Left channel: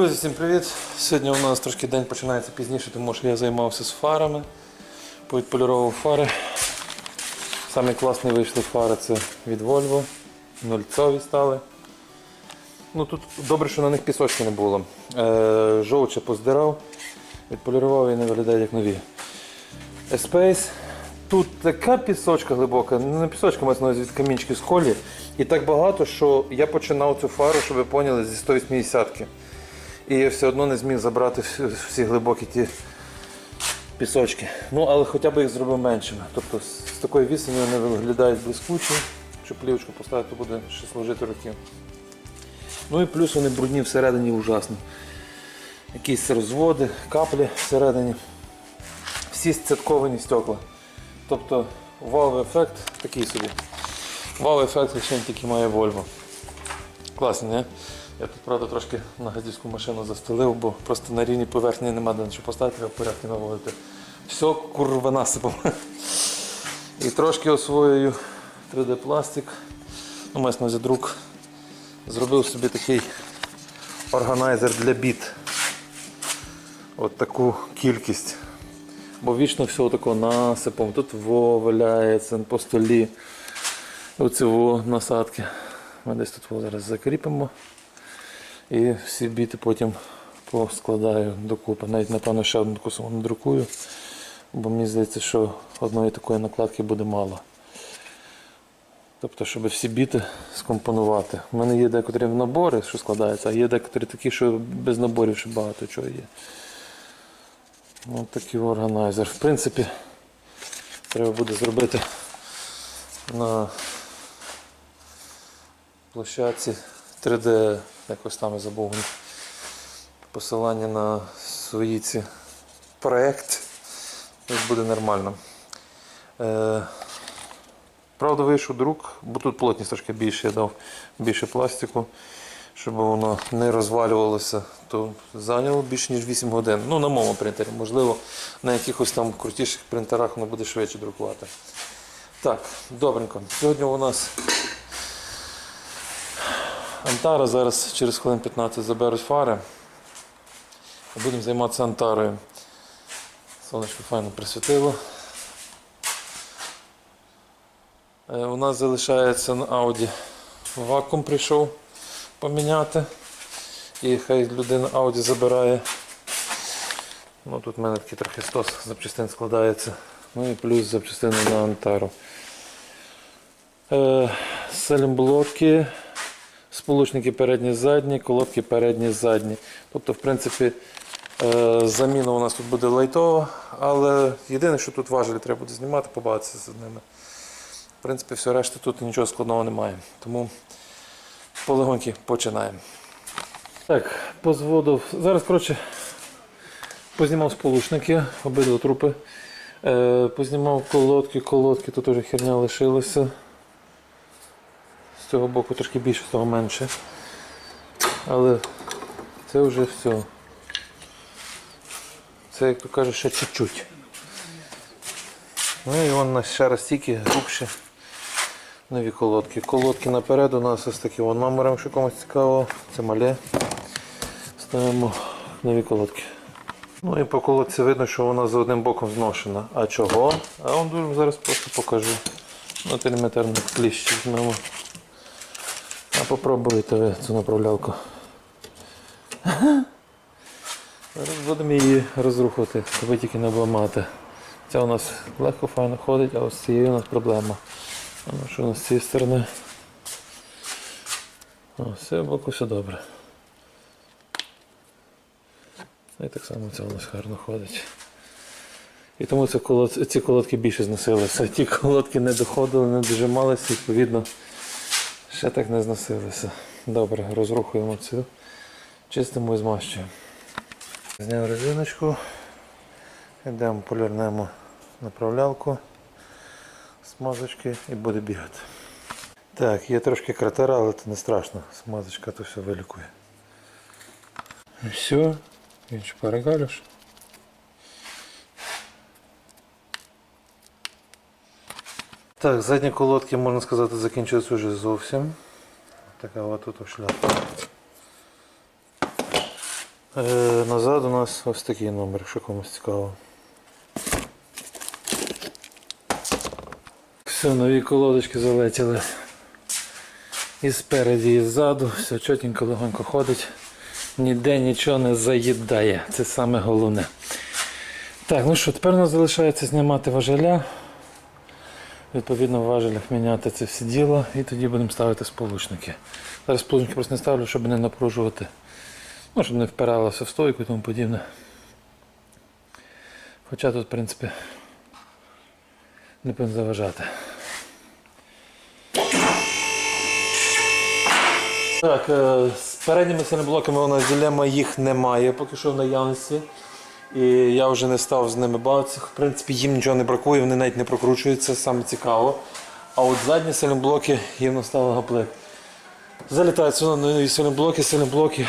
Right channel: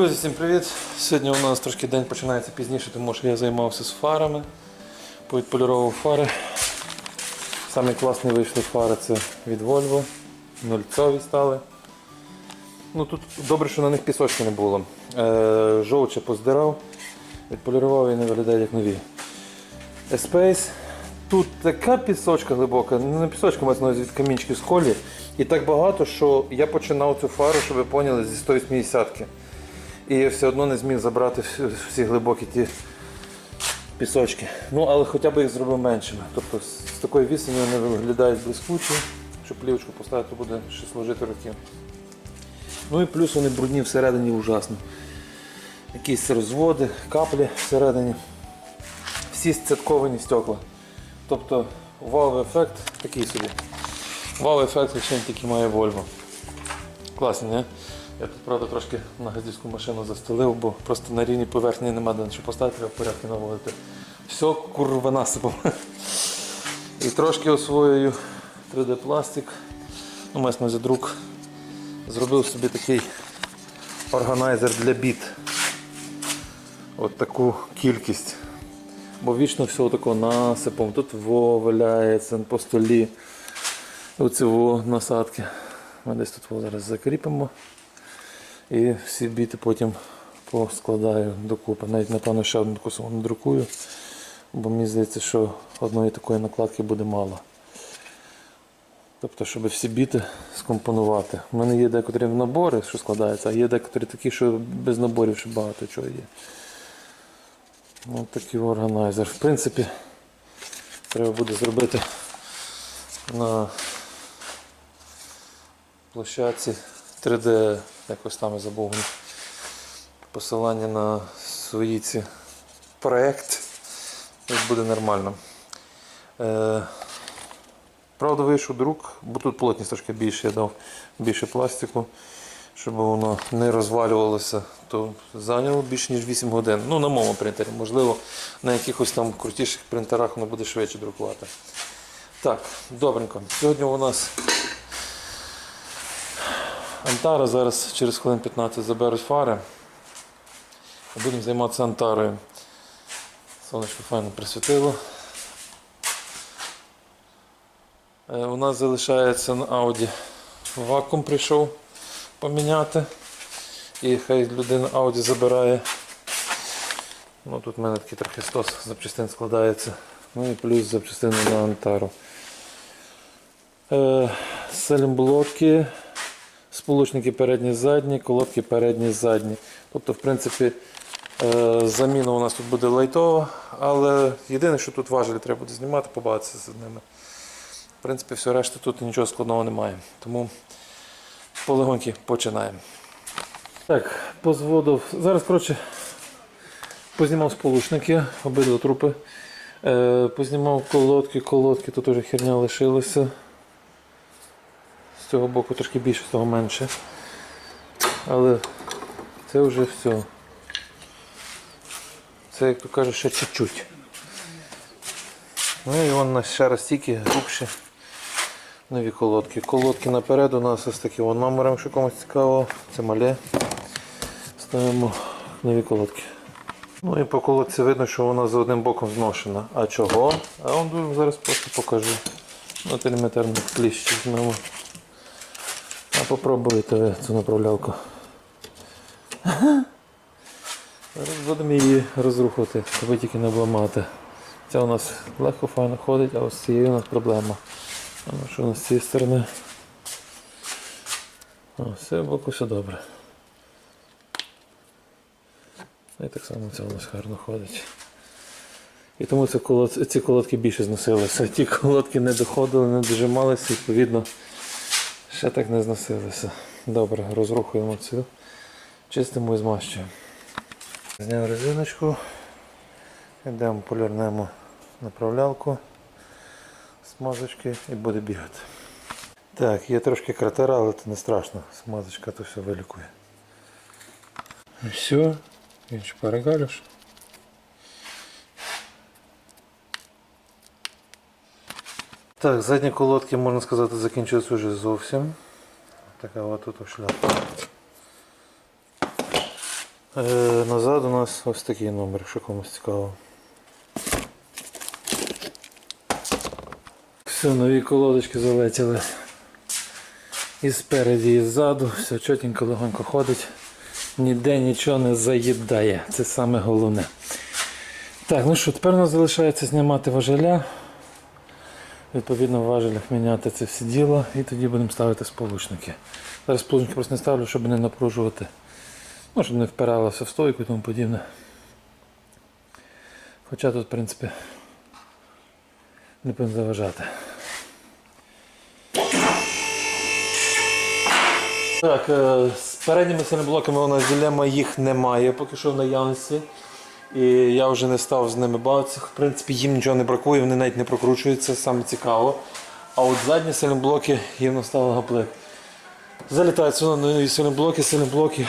Друзі, всім привіт! Сьогодні у нас трошки день починається пізніше, тому що я займався з фарами, повідполюровував фари. Самі класні вийшли фари це від Volvo, нульцові стали. Ну, тут добре, що на них пісочки не було. Е, жовче поздирав, відполірував і не виглядає як нові. Espace. Тут така пісочка глибока, ну, не пісочка, мається від камінчиків з колі. І так багато, що я починав цю фару, щоб ви поняли, зі 180-ки. І я все одно не зміг забрати всі, глибокі ті пісочки. Ну, але хоча б їх зробив меншими. Тобто з, такої відстані вони виглядають блискучі. Щоб плівочку поставити, то буде ще служити років. Ну і плюс вони брудні всередині ужасно. Якісь розводи, каплі всередині. Всі сцятковані стекла. Тобто вау-ефект такий собі. Вау-ефект, якщо він тільки має Volvo. Класний, не? Я тут, правда, трошки на газдівську машину застелив, бо просто на рівні поверхні нема де що поставити, треба порядки наводити. Все курва насипом. І трошки освоюю 3D пластик. Ну, мається на увазі друк. Зробив собі такий органайзер для біт. От таку кількість. Бо вічно все тако насипом. Тут во валяється по столі. Оці во насадки. Ми десь тут во зараз закріпимо. І всі біти потім поскладаю докупи. Навіть напевно ще одну саму надрукую. Бо мені здається, що одної такої накладки буде мало. Тобто, щоб всі біти скомпонувати. У мене є декотрі набори, що складаються, а є декотрі такі, що без наборів ще багато чого є. Ось такий органайзер. В принципі, треба буде зробити на площадці 3D, якось там я забув посилання на свої ці проект. Буде нормально. Е, правда, вийшов друк, бо тут плотність трошки більше, я дав більше пластику, щоб воно не розвалювалося, то зайняло більше ніж 8 годин. Ну, на моєму принтері. Можливо, на якихось там крутіших принтерах воно буде швидше друкувати. Так, добренько. Сьогодні у нас Антара зараз через хвилин 15 заберуть фари. Будемо займатися Антарою. Сонечко файно присвітило. Е, У нас залишається на Audi вакуум прийшов поміняти. І хай людина Audi забирає. Ну, Тут в мене такий трохи стос запчастин складається. Ну і плюс запчастини на Антару. Е, Селімблоки, сполучники передні задні, колодки передні задні. Тобто, в принципі, е, заміна у нас тут буде лайтова, але єдине, що тут важелі треба буде знімати, побавитися з ними. В принципі, все решта тут нічого складного немає. Тому полегоньки починаємо. Так, позводив. Зараз, коротше, познімав сполучники, обидва трупи. Е, познімав колодки, колодки, тут уже херня лишилася. З цього боку трошки більше, з того менше. Але це вже все. Це, як то кажуть, ще чуть-чуть. Ну і вон ще раз тільки грубші нові колодки. Колодки наперед у нас ось такі вон номером, якщо комусь цікаво, це мале. Ставимо нові колодки. Ну і по колодці видно, що вона за одним боком зношена. А чого? А дуже зараз просто покажу. На телеметрну кліщ візьмемо. Попробуйте цю направлялку. Зараз будемо її розрухувати, аби тільки не обламати. Ця у нас легко файно ходить, а ось з цією у нас проблема. А ну що у нас з цієї сторони? О, з цього боку все добре. Ну, І так само це у нас гарно ходить. І тому ці колодки більше зносилися. Ті колодки не доходили, не дожималися, відповідно, ще так не зносилися. Добре, розрухуємо цю, чистимо і змащуємо. Зняв резиночку, йдемо полірнемо направлялку смазочки і буде бігати. Так, є трошки кратера, але це не страшно. Смазочка то все вилікує. І все, він ще Так, задні колодки, можна сказати, закінчились вже зовсім. Така от тут шляпа. Е, назад у нас ось такий номер, якщо комусь цікаво. Все, нові колодочки залетіли. І спереді, і ззаду, все чотенько, легонько ходить. Ніде нічого не заїдає. Це саме головне. Так, ну що, тепер у нас залишається знімати важеля. Відповідно в важелях міняти це все діло і тоді будемо ставити сполучники. Зараз сполучники просто не ставлю, щоб не напружувати. Ну, щоб не впиралося в стойку і тому подібне. Хоча тут, в принципі, не повинен заважати. Так, е, з передніми сильноблоками у нас дилема їх немає, поки що в наявності. І я вже не став з ними бавитися. В принципі, їм нічого не бракує, вони навіть не прокручуються, саме цікаво. А от задні сильноблоки їм настало гаплик. Залітають сюди нові сильноблоки, сильноблоки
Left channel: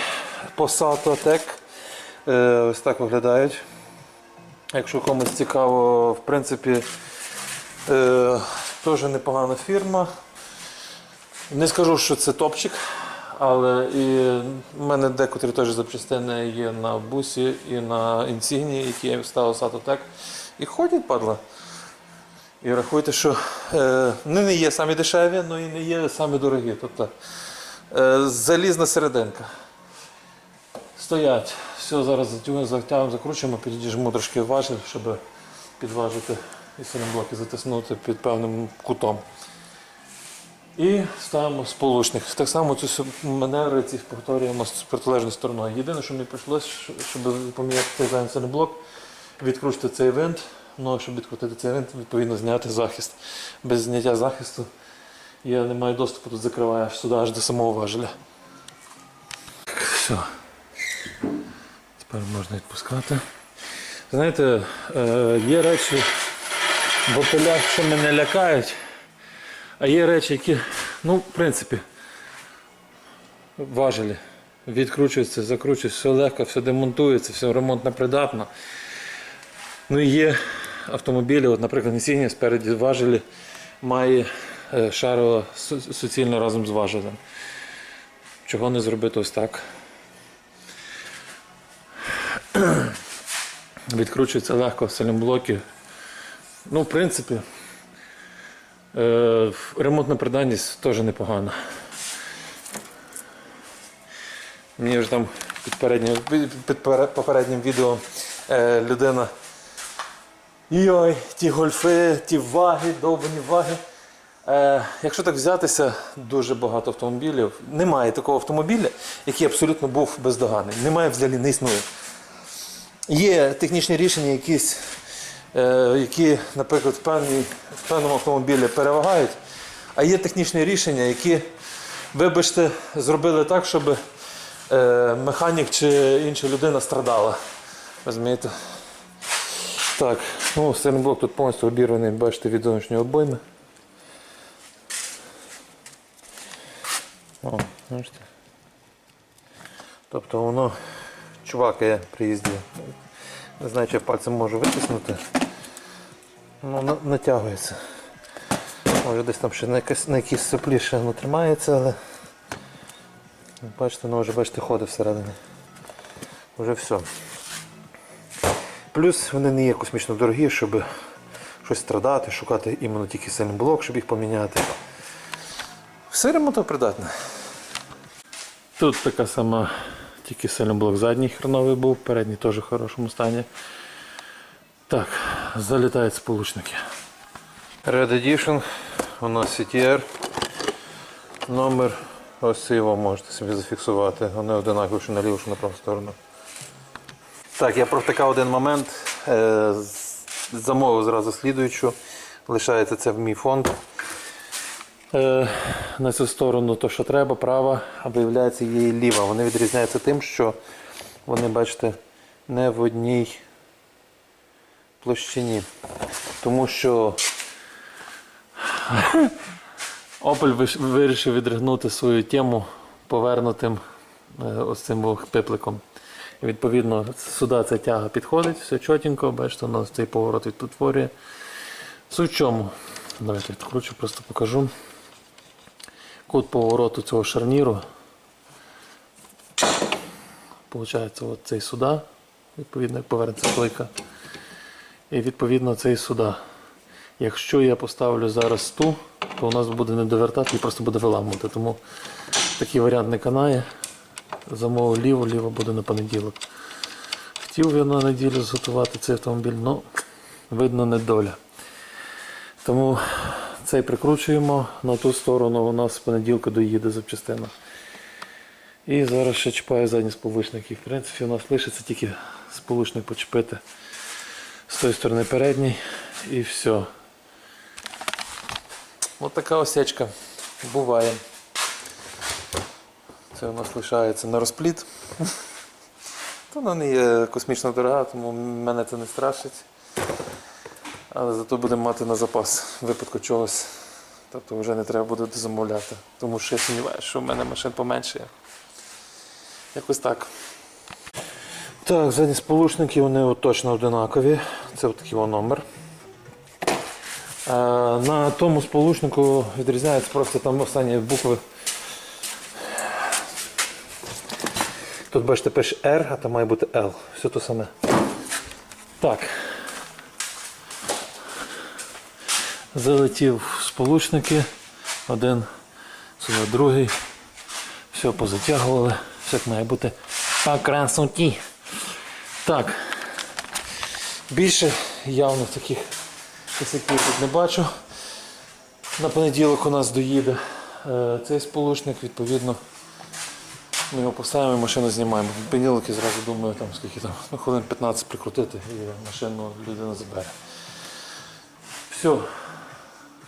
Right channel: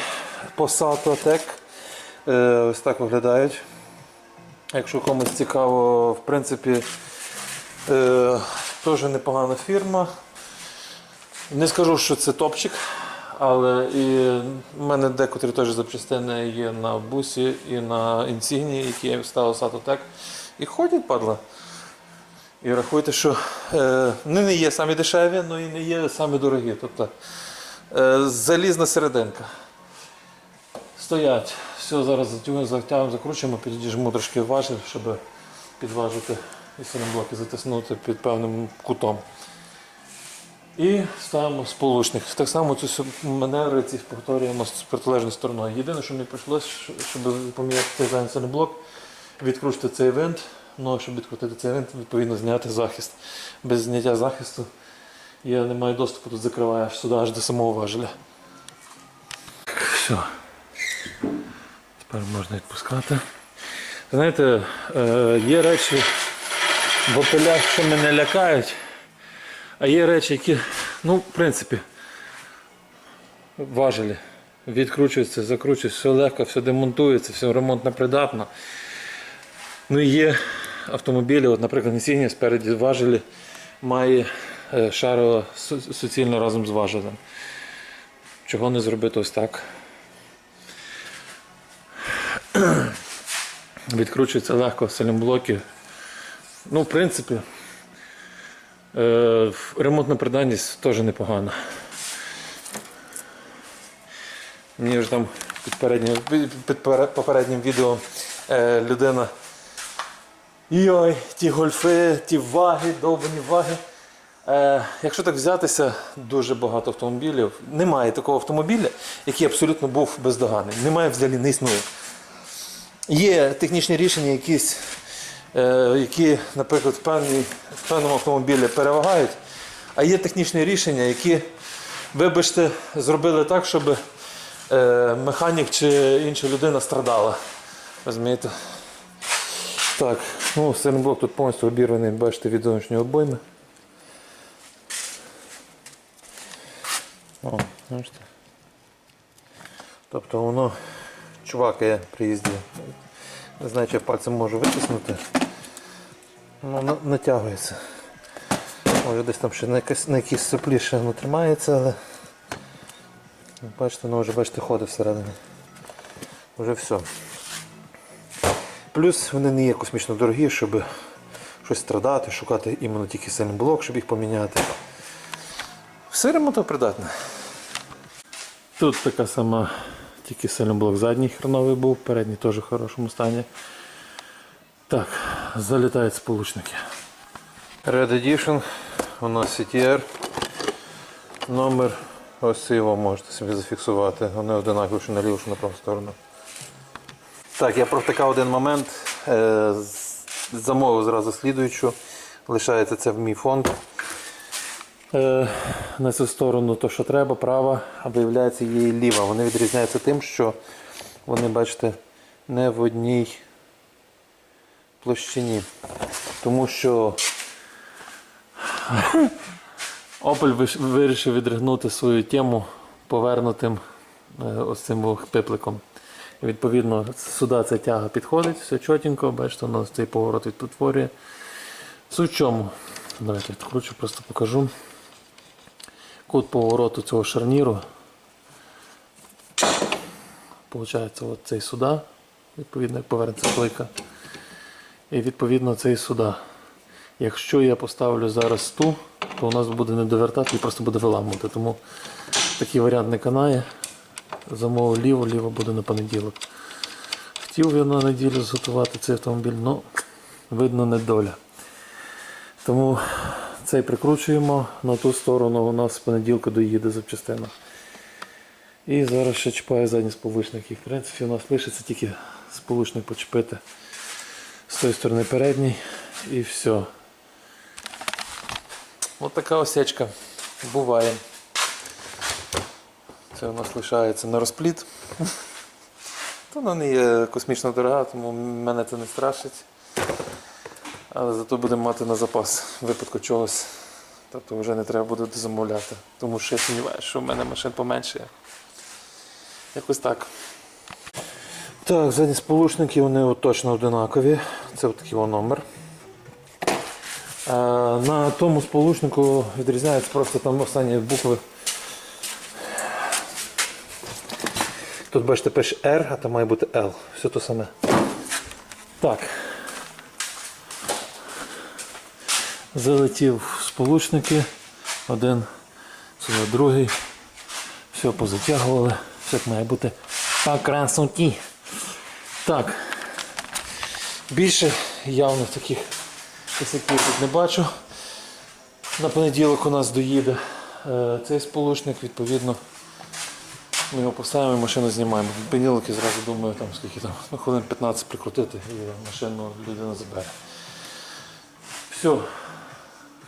Possato Tech. Е, Ось так виглядають. Якщо комусь цікаво, в принципі, е, теж непогана фірма. Не скажу, що це топчик, але і в мене декотрі теж запчастини є на бусі і на інсігні, які я ставив Сатотек. І ходять, падла. І рахуйте, що е, вони не є самі дешеві, але і не є самі дорогі. Тобто е, залізна серединка. Стоять. Все, зараз затягуємо, закручуємо, підіжму трошки важель, щоб підважити і блоки затиснути під певним кутом. І ставимо сполучник. Так само цю маневри ці повторюємо з протилежною стороною. Єдине, що мені прийшлося, щоб поміняти цей зайнцевий блок, відкрутити цей винт. Ну, щоб відкрутити цей винт, відповідно зняти захист. Без зняття захисту я не маю доступу, тут закриваю сюди, аж до самого важеля. Все. Тепер можна відпускати. Знаєте, е, є речі в опелях, що мене лякають. А є речі, які, ну, в принципі, важелі. Відкручуються, закручуються, все легко, все демонтується, все ремонтно придатно. Ну і є автомобілі, от, наприклад, Insignia спереді важелі має е, шарово суцільно разом з важелем. Чого не зробити ось так? Відкручується легко, в сайлентблоки. Ну, в принципі, Ремонтна придатність теж непогана. Мені вже там під, переднім, під попереднім відео е, людина. Йой, ті гольфи, ті ваги, довбані ваги. Е, якщо так взятися, дуже багато автомобілів. Немає такого автомобіля, який абсолютно був бездоганний. Немає взагалі не існує. Є технічні рішення, якісь, е, які, наприклад, в, певній, в певному автомобілі перевагають, а є технічні рішення, які, вибачте, зробили так, щоб е, механік чи інша людина страдала. Розумієте? Так, ну, стернблок тут повністю обірваний, бачите, від зовнішньої обойми. О, бачите. Тобто воно чувакає при їзді. Не знаю, чи я пальцем можу витиснути. Ну, натягується. Може десь там ще на, якась, на якійсь соплі ще воно тримається, але бачите, воно вже бачите, ходить всередині. Вже все. Плюс вони не є космічно дорогі, щоб щось страдати, шукати іменно тільки сильний блок, щоб їх поміняти. Все ремонтопридатне. Тут така сама, тільки сильний блок задній хреновий був, передній теж в хорошому стані. Так, залітають сполучники. Red Edition, у нас CTR. Номер ось його можете собі зафіксувати. Вони одинакові, що на ліву, що на праву сторону. Так, я протикав один момент. Е, замовив зразу слідуючу. Лишається це в мій фонд. Е, на цю сторону то, що треба, права, а виявляється і ліва. Вони відрізняються тим, що вони, бачите, не в одній площині. Тому що Opel вирішив відригнути свою тему повернутим е, ось цим пипликом. Відповідно, сюди ця тяга підходить, все чотенько, бачите, нас цей поворот відтворює. Суть в чому? Давайте відкручу, просто покажу. Кут повороту цього шарніру виходить, от цей сюди, відповідно, як повернеться плойка. І відповідно цей сюди. Якщо я поставлю зараз ту, то у нас буде не довертати і просто буде виламувати. Тому такий варіант не канає. Замовив ліво, ліво буде на понеділок. Хотів я на неділю зготувати цей автомобіль, але видно не доля. Тому цей прикручуємо на ту сторону, у нас з понеділка доїде запчастина. І зараз ще чіпаю задні сполучники. В принципі, у нас лишиться тільки сполучник почепити з тої сторони передній і все. Ось така осечка буває. Це у нас лишається на розпліт. Вона не є космічно дорога, тому мене це не страшить. Але зато будемо мати на запас випадку чогось. Тобто вже не треба буде замовляти. Тому що я сумніваюся, що в мене машин поменшає. Якось так. Так, задні сполучники вони точно одинакові. Це такий номер. Е, На тому сполучнику відрізняється просто там останні букви. Тут бачите, пише R, а там має бути L. Все то саме. Так. Залетів сполучники. Один, сюди другий. Все позатягували. Все як має бути по красоті. Так. Більше явно таких косяків тут не бачу. На понеділок у нас доїде е, цей сполучник, відповідно. Ми його поставимо і машину знімаємо. В понеділок я зразу думаю, там скільки там, ну, хвилин 15 прикрутити і машину людина забере. Все,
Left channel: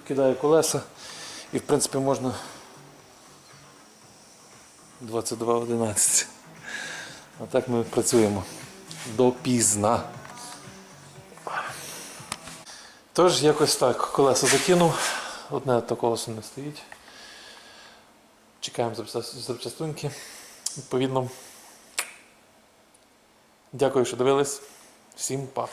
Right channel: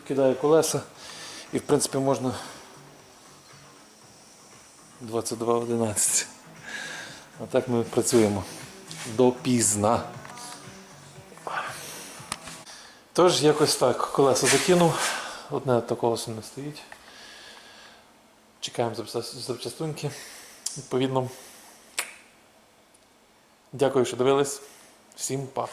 кидаю колеса і в принципі можна 22.11. А так ми працюємо допізна. Тож, якось так, колеса закинув, одне колесо не стоїть. Чекаємо запчастунки. Відповідно. Дякую, що дивились. Всім па.